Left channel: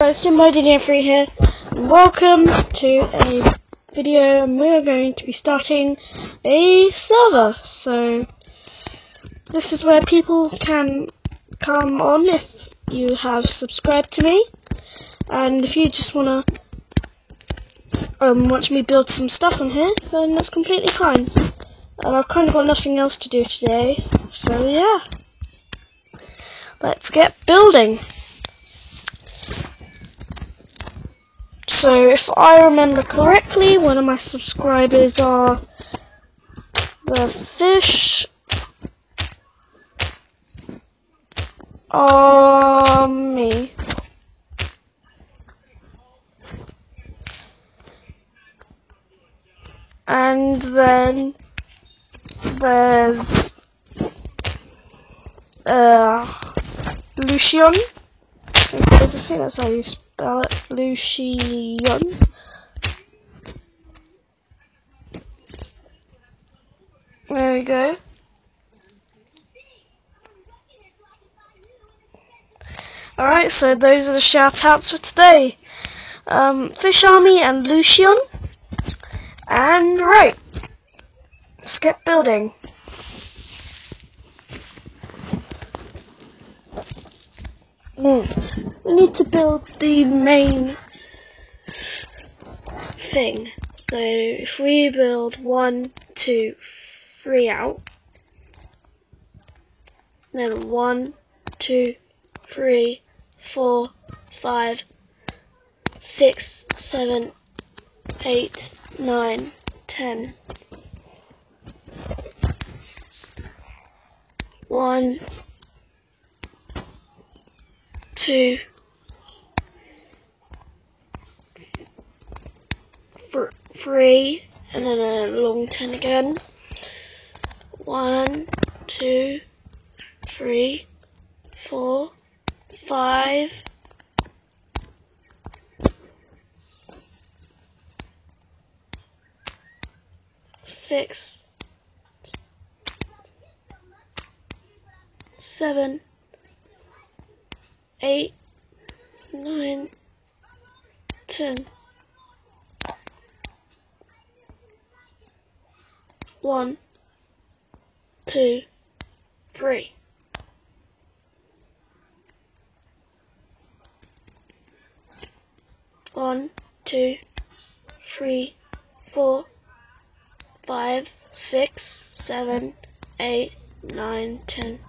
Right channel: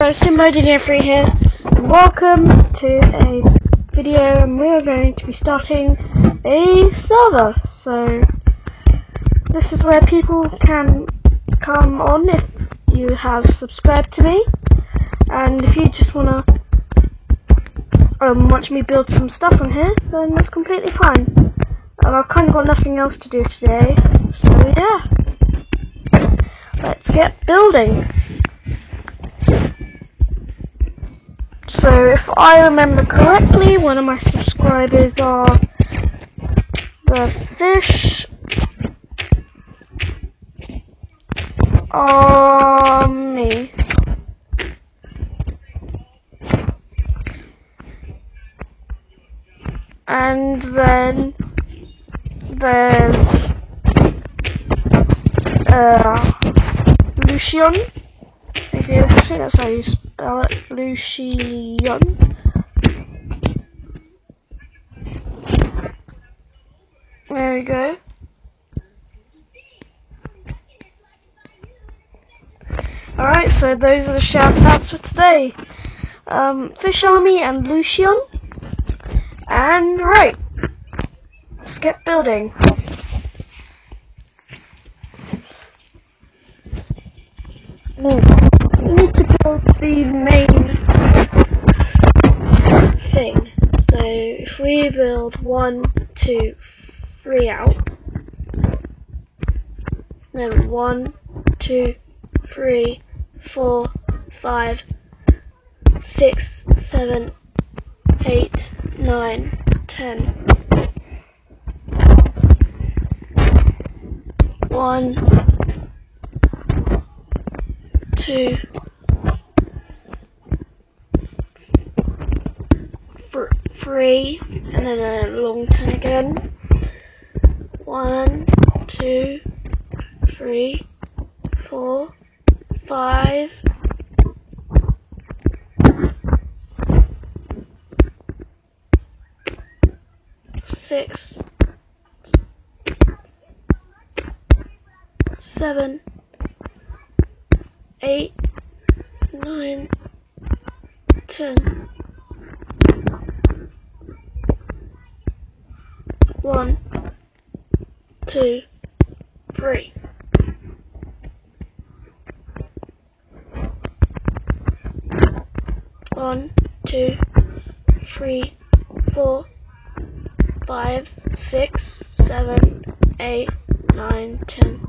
Guys, JimboDNA3 here, and welcome to a video, and we're going to be starting a server. So this is where people can come on if you have subscribed to me, and if you just wanna watch me build some stuff on here, then that's completely fine. I've kind of got nothing else to do today, so yeah, let's get building. So if I remember correctly, one of my subscribers are the Fish Army. And then there's Lucian. I think that's how you spell it, Lucian. There we go. Alright, so those are the shout outs for today. Fish Army and Lucian. And right, let's get building. We need to build the main thing. So if we build 1, 2, 3 out, then 1, 2, 3, 4, 5, 6, 7, 8, 9, 10. 1, 2, 3, and then a long 10 again. 1, 2, 3, 4, 5, 6, 7, 8, 9, 10. 1, 2, 3. One, 2, 3, 4, 5, 6, 7, 8, 9, 10.